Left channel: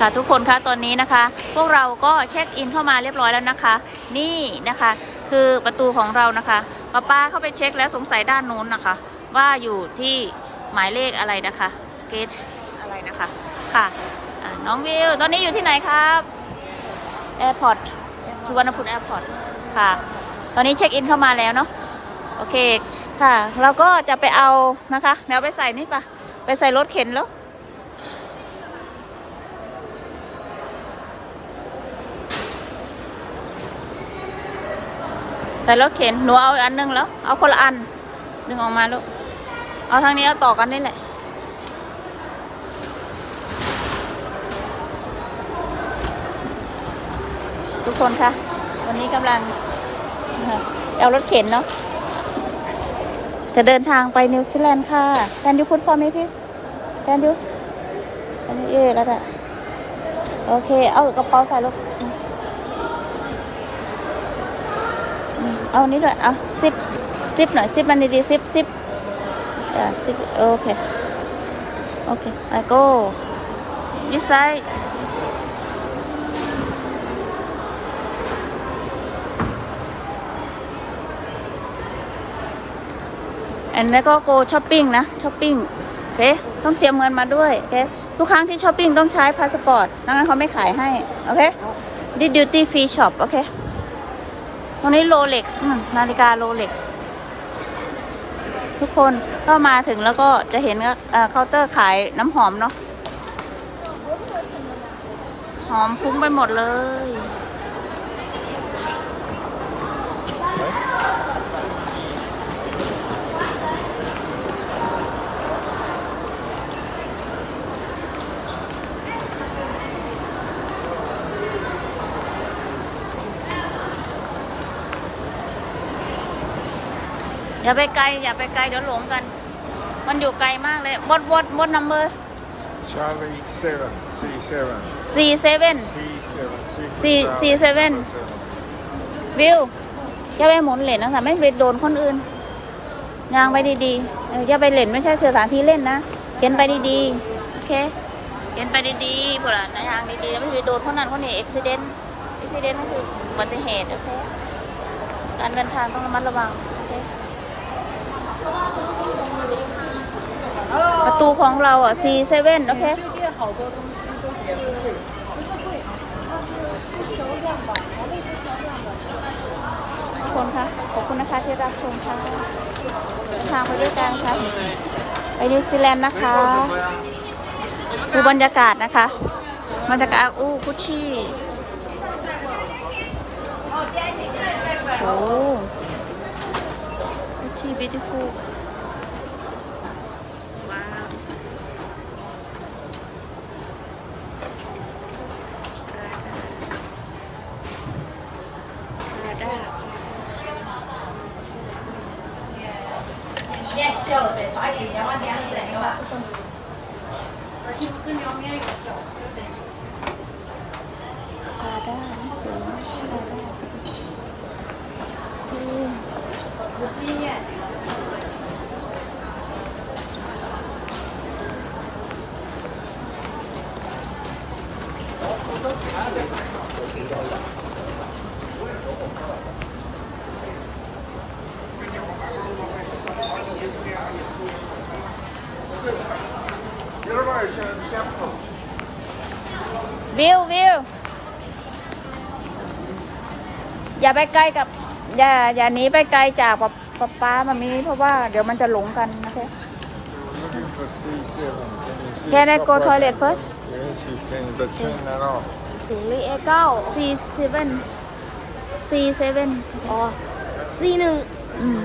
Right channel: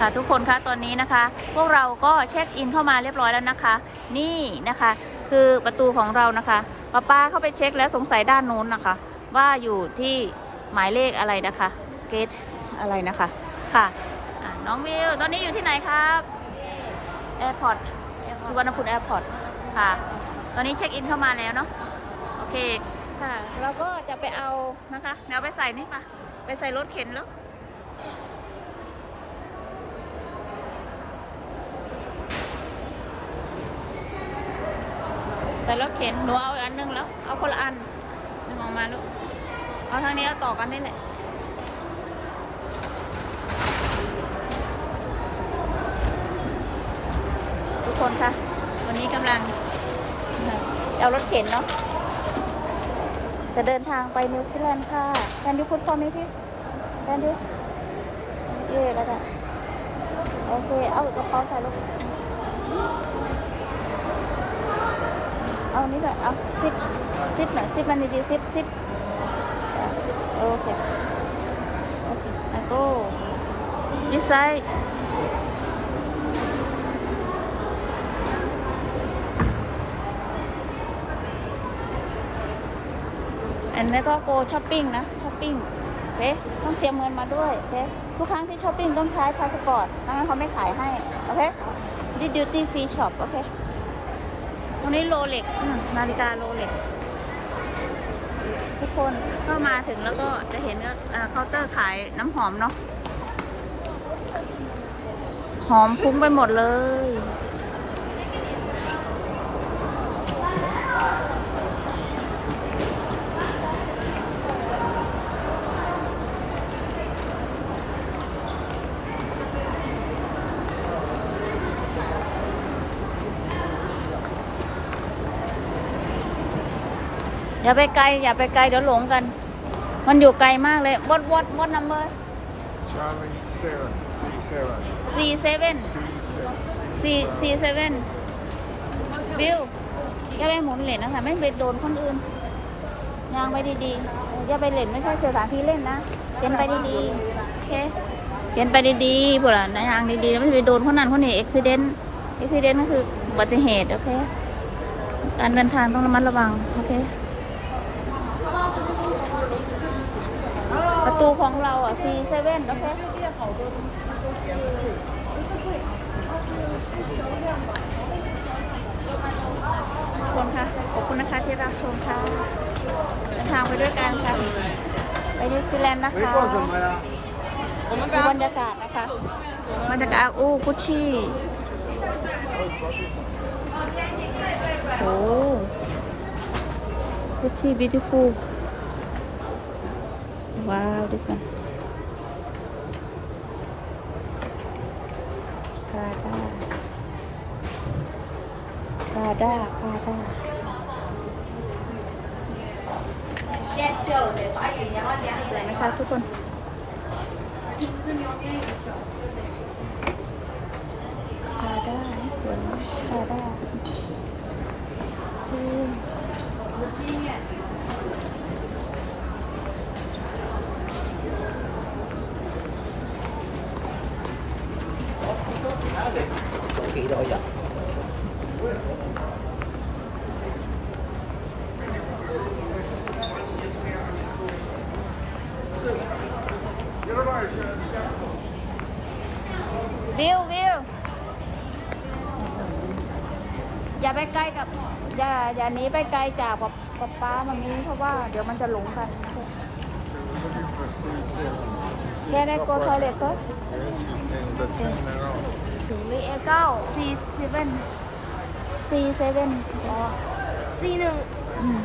ค่ะทุกคนคะตอนนี้นะคะ พวกเราก็เช็คอินเข้ามาเรียบร้อยแล้วนะคะ นี่นะคะ คือประตูของเรานะคะป้าป้าเข้าไปเช็คแล้วสงสัยด้านนู้นนะคะ ว่าอยู่ที่หมายเลขอะไรนะคะเกตอะไรนะคะค่ะะน้องวิว ตอนนี้อยู่ที่ไหนครับแอร์พอร์ตสุวรรณภูมิแอร์พอร์ตค่ะ ตอนนี้เช็คอินเข้ามาแล้วเนาะโอเคค่ะ เราก็จะไปเอานะคะเดี๋ยวไปใส่นี่ปะไปใส่รถเข็นแล้ว ส่รถเข็นหนูเอาอีกอันหนึงแล้ว เอาคนละอันดึงออกมาลูก เอาทางนี้เอาต่อกันนี่แหละทุกคนคะวันนี้กำลังเอารถเข็นเนาะจะเดินทางไปนิวซีแลนด์ค่ะแ a นยูพูดฟอร์ม me please Can you Can you เอ๊ะแล้วอะโอเค เอากระเป๋าใส่รถ เอานี้ด้วยเอาซิปซิปหน่อยซิปมันดีๆซิปซิปซิปโอเคโอเค I go this side อันนี้ก็ go shopping นะ shopping โอเค ต้องเตรียมเงินมาด้วย โอเค ทุกครั้งที่ช้อปปิ้งต้องใช้พาสปอร์ตงั้นเขาไม่ขายให้ โอเคดิ duty free shop โอเค วันนี้โรเล็กซ์นาฬิกาโรเล็กซ์ทุกคนก็มาถึงแล้วก็จะเห็นเคาน์เตอร์ขายน้ำหอมเนาะหอมฟุ้งไปหมดเลย อย่าไปไกล อย่าไปไกลเดี๋ยวหลงกัน มันอยู่ไกลมากเลย what what what number Charlie Sarah, C Sarah, C seven C Sarah, C C seven วิวอย่าไปหมุนเหรียญนะสะไม่ไปโดนคนอื่นยางไปดีๆเอออย่าไปเหรียญไม่ใช่สถานที่เล่นนะเขียนไปดีๆ โอเคเขียนไปดีๆพวกเรานะยางดีๆแล้วไม่ไปโดนคนนั้นคนนี้อุบิเหตุอุบิเหตุคืออุบัติเหตุโอเคอันเป็นทางต้องระมัดระวัง โอเค ประ ตูของเราอะ C7 โอเคคนคะขอบคุณนะคะที่รับชมค่ะเดินทางไปด้วยกันค่ะไปนิวซีแลนด์นะคะดูบรรยากาศนะคะบรรยากาศอู้กุชชี่โอ้กุชชี่ beautiful ว this one พาด้าพาด้าพาด้านะคะทุกคนพาด้านี่ส วยนะพาด้าที่วิววิวอย่าไปใกล้กับ อย่าอย่าหนีไปไกลจากป๊าป๊าป๊ามามีเพราะว่าเดี๋ยวมันจะหลงกันนะคะ looking for C Sarah. Can I go toilet first Where is she? Can you turn that off? C seven C seven C หนึ่งอืม